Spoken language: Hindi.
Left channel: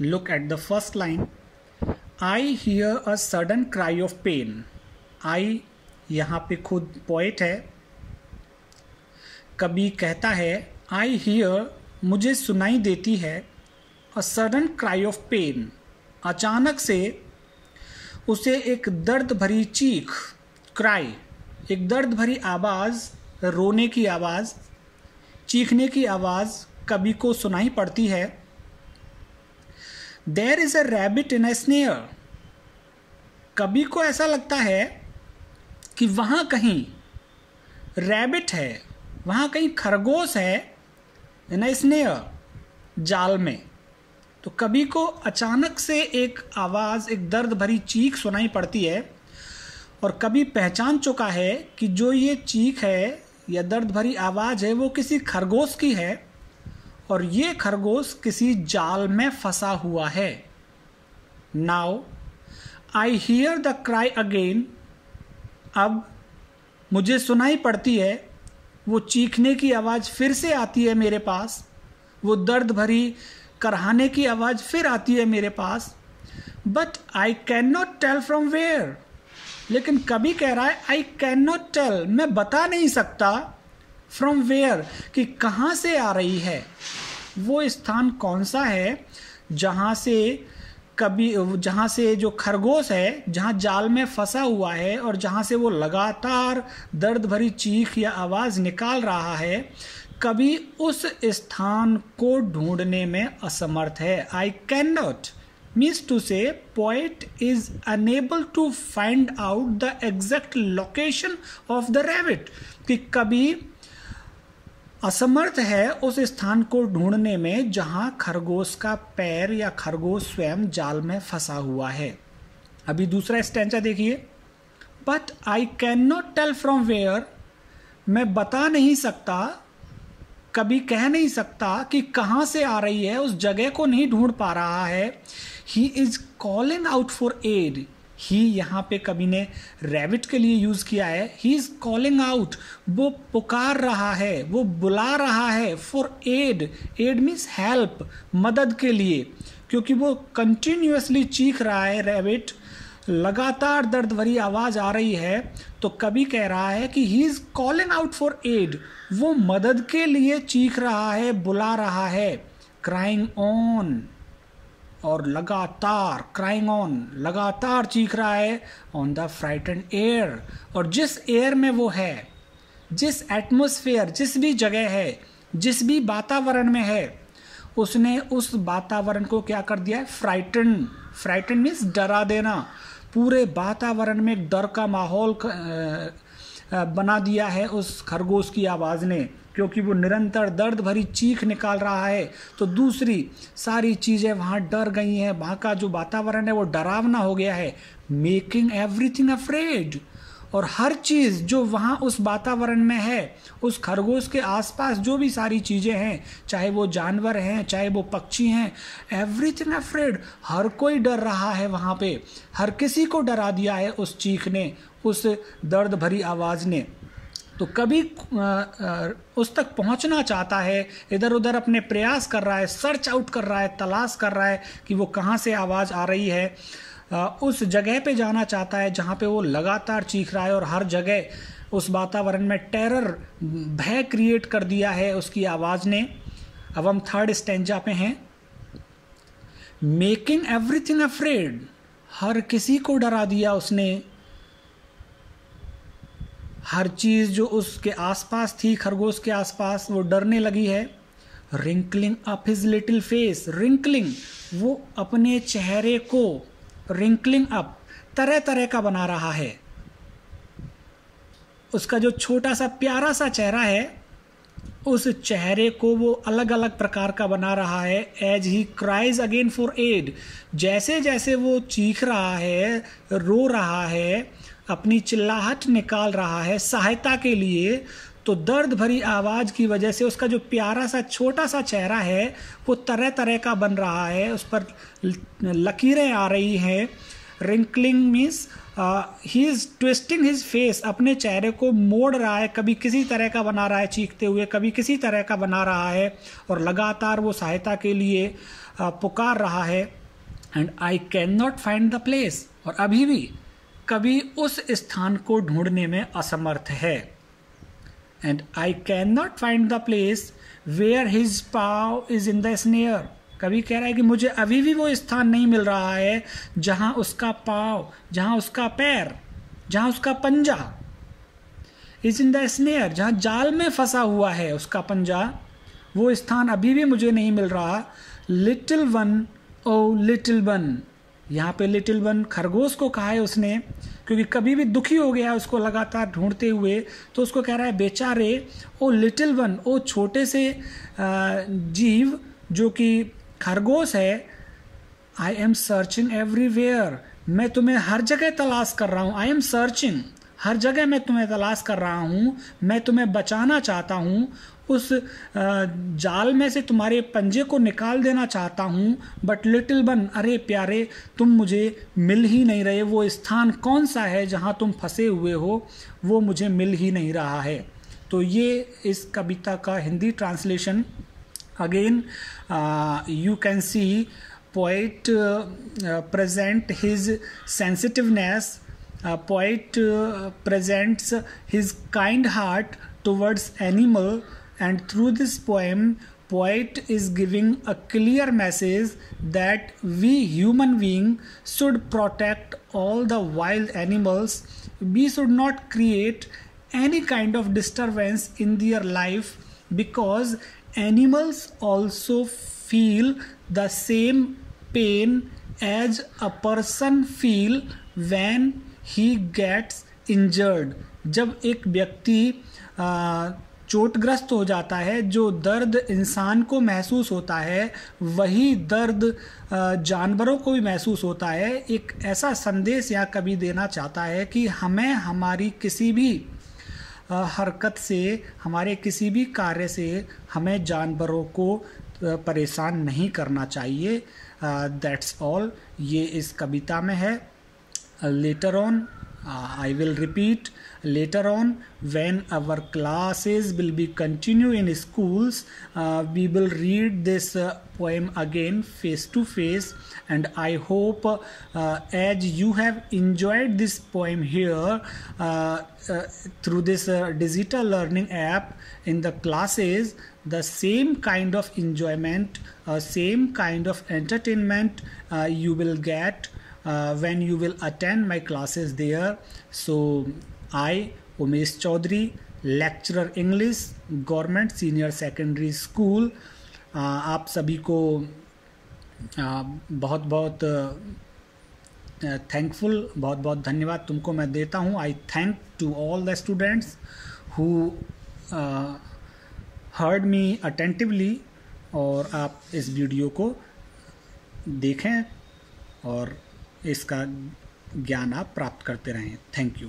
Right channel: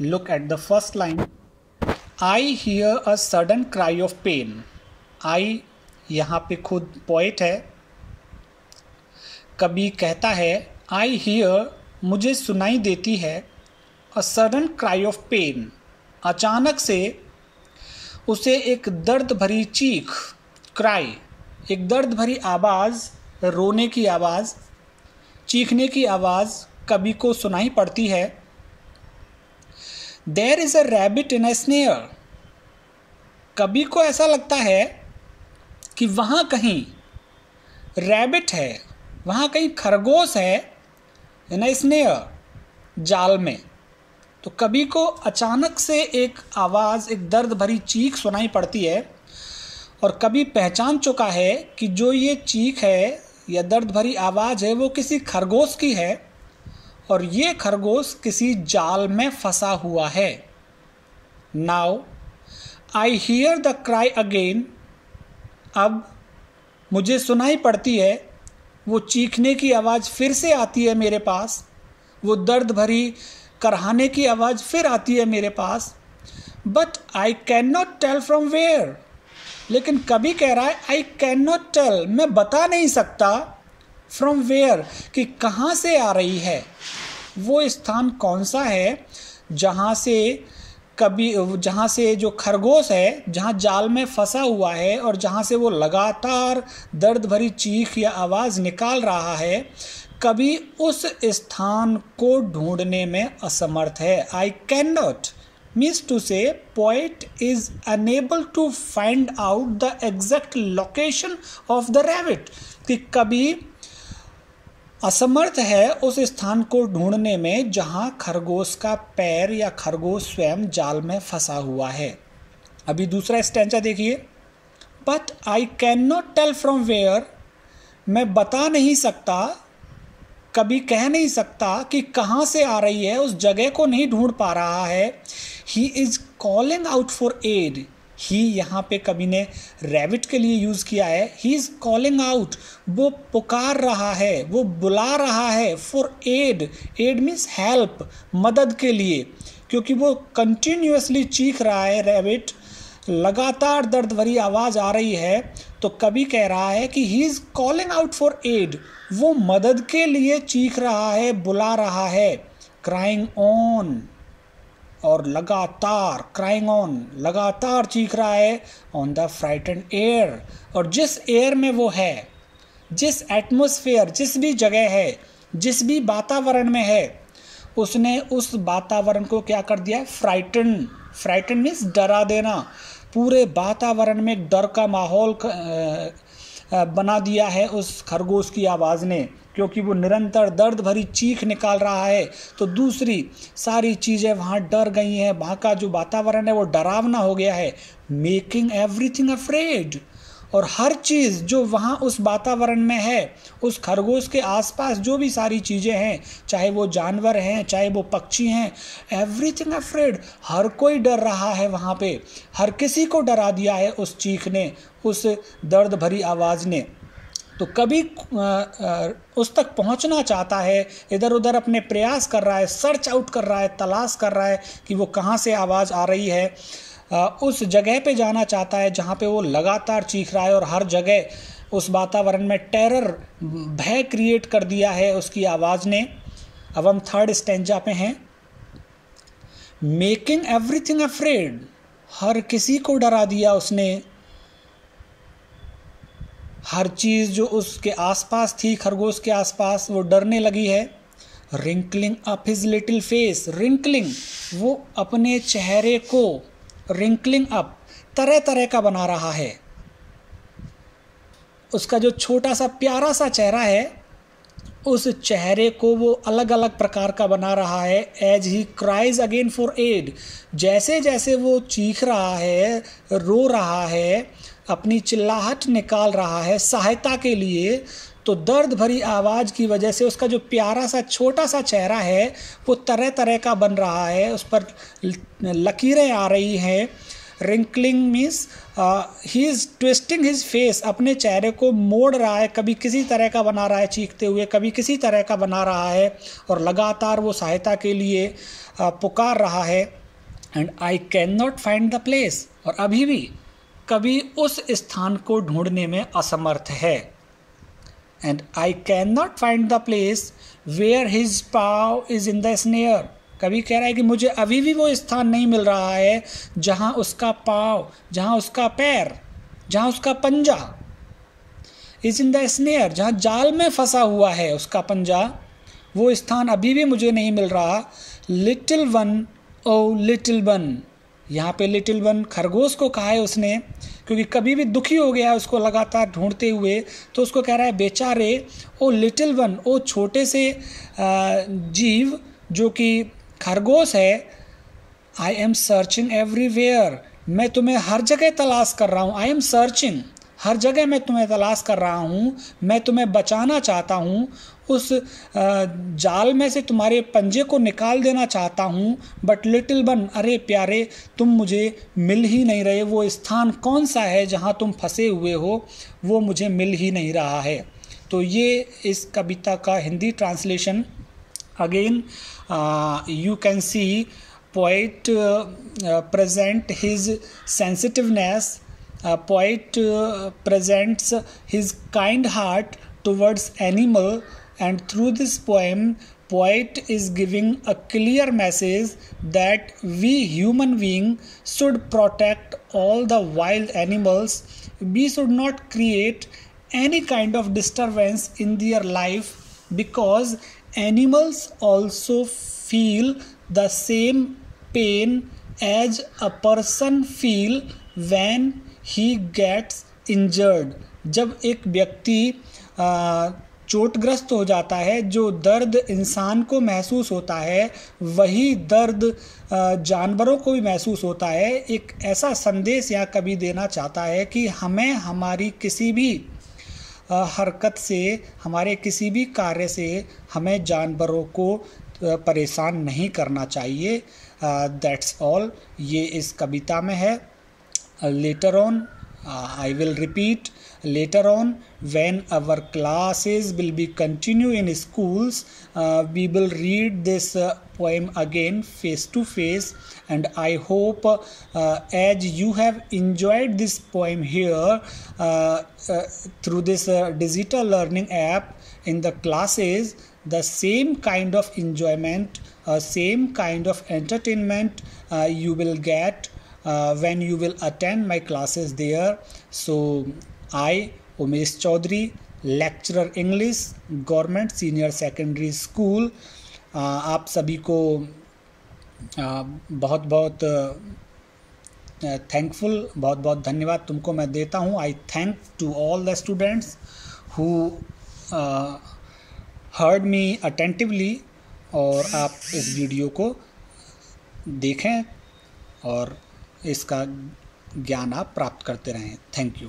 Look at the first line. I hear a sudden cry of pain. I यहाँ पे खुद पोएट है. कभी कहता है I hear, मुझे सुनाई देती है, a sudden cry of pain, अचानक से उसे एक दर्द भरी चीख, cry, एक दर्द भरी आवाज़, रोने की आवाज़, चीखने की आवाज़ कभी को सुनाई पड़ती है. There is a rabbit in a snare. कभी को ऐसा लगता है कि वहाँ कहीं रैबिट है, वहाँ कहीं खरगोश है, in a snare, जाल में. तो कभी को अचानक से एक आवाज़, एक दर्द भरी चीख सुनाई पड़ती है और कभी पहचान चुका है कि जो ये चीख है या दर्द भरी आवाज़ है वो किसी खरगोश की है और ये खरगोश किसी जाल में फंसा हुआ है. Now I hear the cry again. अब मुझे सुनाई पड़ती है, वो चीखने की आवाज़ फिर से आती है मेरे पास, वो दर्द भरी कराहने की आवाज़ फिर आती है मेरे पास. But I can not tell from where. लेकिन कभी कह रहा है आई कैन नॉट टेल, मैं बता नहीं सकता, फ्रॉम वेयर, कि कहाँ से आ रही है, वो स्थान कौन सा है जहाँ से जो खरगोश है, जहाँ जाल में फंसा हुआ है और जहाँ से वो लगातार दर्द भरी चीख या आवाज़ निकाल रहा है, कभी उस स्थान को ढूंढने में असमर्थ है. आई can not means to say poet is unable to find out the exact location of the rabbit. कि कभी असमर्थ है उस स्थान को ढूंढने में जहां खरगोश का पैर या खरगोश स्वयं जाल में फंसा हुआ है. अभी दूसरा स्टैंजा देखिए. But I can not tell from where, मैं बता नहीं सकता, कभी कह नहीं सकता कि कहाँ से आ रही है, उस जगह को नहीं ढूंढ पा रहा है. He is calling out for aid. ही यहाँ पे कभी ने रैबिट के लिए यूज किया है. ही इज कॉलिंग आउट, वो पुकार रहा है, वो बुला रहा है. For aid, aid means help, मदद के लिए, क्योंकि वो कंटिन्यूअसली चीख रहा है रैबिट, लगातार दर्द भरी आवाज आ रही है. तो कभी कह रहा है कि he is calling out for aid, वो मदद के लिए चीख रहा है, बुला रहा है. क्राइंग ऑन, और लगातार, क्राइंग ऑन, लगातार चीख रहा है. ऑन द फ्राइटन एयर, और जिस एयर में वो है, जिस एटमॉस्फेयर, जिस भी जगह है, जिस भी वातावरण में है, उसने उस वातावरण को क्या कर दिया है, फ्राइटन. फ्राइटन मीन्स डरा देना. पूरे वातावरण में एक डर का माहौल बना दिया है उस खरगोश की आवाज़ ने, क्योंकि वो निरंतर दर्द भरी चीख निकाल रहा है. तो दूसरी सारी चीज़ें वहाँ डर गई हैं, वहाँ का जो वातावरण है वो डरावना हो गया है. मेकिंग एवरीथिंग अफ्रेड, और हर चीज़ जो वहाँ उस वातावरण में है, उस खरगोश के आसपास जो भी सारी चीज़ें हैं, चाहे वो जानवर हैं, चाहे वो पक्षी हैं, एवरीथिंग अफ्रेड, हर कोई डर रहा है वहाँ पे. हर किसी को डरा दिया है उस चीख ने, उस दर्द भरी आवाज़ ने. तो कभी उस तक पहुंचना चाहता है, इधर उधर अपने प्रयास कर रहा है, सर्च आउट कर रहा है, तलाश कर रहा है कि वो कहाँ से आवाज़ आ रही है. उस जगह पे जाना चाहता है जहाँ पे वो लगातार चीख रहा है और हर जगह उस वातावरण में टेरर, भय क्रिएट कर दिया है उसकी आवाज़ ने. अब हम थर्ड स्टैंजा पे हैं. मेकिंग एवरीथिंग अफ्रेड, हर किसी को डरा दिया उसने. हर चीज़ जो उसके आसपास थी, खरगोश के आसपास, वो डरने लगी है. Wrinkling up his little face, wrinkling, वो अपने चेहरे को, रिंकलिंग अप, तरह तरह का बना रहा है. उसका जो छोटा सा प्यारा सा चेहरा है, उस चेहरे को वो अलग अलग प्रकार का बना रहा है. As he cries again for aid, जैसे जैसे वो चीख रहा है, रो रहा है, अपनी चिल्लाहट निकाल रहा है सहायता के लिए, तो दर्द भरी आवाज़ की वजह से उसका जो प्यारा सा छोटा सा चेहरा है वो तरह तरह का बन रहा है, उस पर लकीरें आ रही हैं. Wrinkling means he is twisting his face, अपने चेहरे को मोड़ रहा है, कभी किसी तरह का बना रहा है चीखते हुए, कभी किसी तरह का बना रहा है, और लगातार वो सहायता के लिए पुकार रहा है. And I can not find the place, और अभी भी कभी उस स्थान को ढूंढने में असमर्थ है. And I can not find the place where his paw is in the snare, कभी कह रहा है कि मुझे अभी भी वो स्थान नहीं मिल रहा है जहां उसका पाव, जहां उसका पैर, जहां उसका पंजा इज इन द स्नेयर, जहां जाल में फंसा हुआ है उसका पंजा, वो स्थान अभी भी मुझे नहीं मिल रहा. लिटिल वन, ओ लिटिल वन, यहाँ पे लिटिल वन खरगोश को कहा है उसने, क्योंकि कभी भी दुखी हो गया उसको लगातार ढूंढते हुए, तो उसको कह रहा है बेचारे, ओ लिटिल वन, ओ छोटे से जीव जो कि खरगोश है, आई एम सर्चिंग एवरीवेयर, मैं तुम्हें हर जगह तलाश कर रहा हूँ. आई एम सर्चिंग, हर जगह मैं तुम्हें तलाश कर रहा हूँ, मैं तुम्हें बचाना चाहता हूँ, उस जाल में से तुम्हारे पंजे को निकाल देना चाहता हूँ. बट लिटिल वन, अरे प्यारे, तुम मुझे मिल ही नहीं रहे, वो स्थान कौन सा है जहाँ तुम फंसे हुए हो, वो मुझे मिल ही नहीं रहा है. तो ये इस कविता का Hindi translation. Again you can see poet present his sensitiveness, poet presents his kind heart towards animal, and through this poem poet is giving a clear message that we human beings should protect all the wild animals. We should not create any kind of disturbance in their life, because animals also feel the same pain as a person feel when he gets injured. जब एक व्यक्ति चोटग्रस्त हो जाता है, जो दर्द इंसान को महसूस होता है वही दर्द जानवरों को भी महसूस होता है. एक ऐसा संदेश यहाँ कवि देना चाहता है कि हमें हमारी किसी भी हरकत से, हमारे किसी भी कार्य से हमें जानवरों को परेशान नहीं करना चाहिए. दैट्स ऑल, ये इस कविता में है. Later on, I will repeat, later on when our classes will be continue in schools, we will read this poem again face to face, and I hope as you have enjoyed this poem here through this digital learning app in the classes, the same kind of enjoyment, same kind of entertainment you will get when you will attend my classes there. So I, Umesh Chaudhary, lecturer English, Government Senior Secondary School, आप सभी को बहुत बहुत थैंकफुल, बहुत बहुत धन्यवाद तुमको मैं देता हूँ. I thank to all the students who heard me attentively, और आप इस वीडियो को देखें और इसका ज्ञान आप प्राप्त करते रहें. Thank you.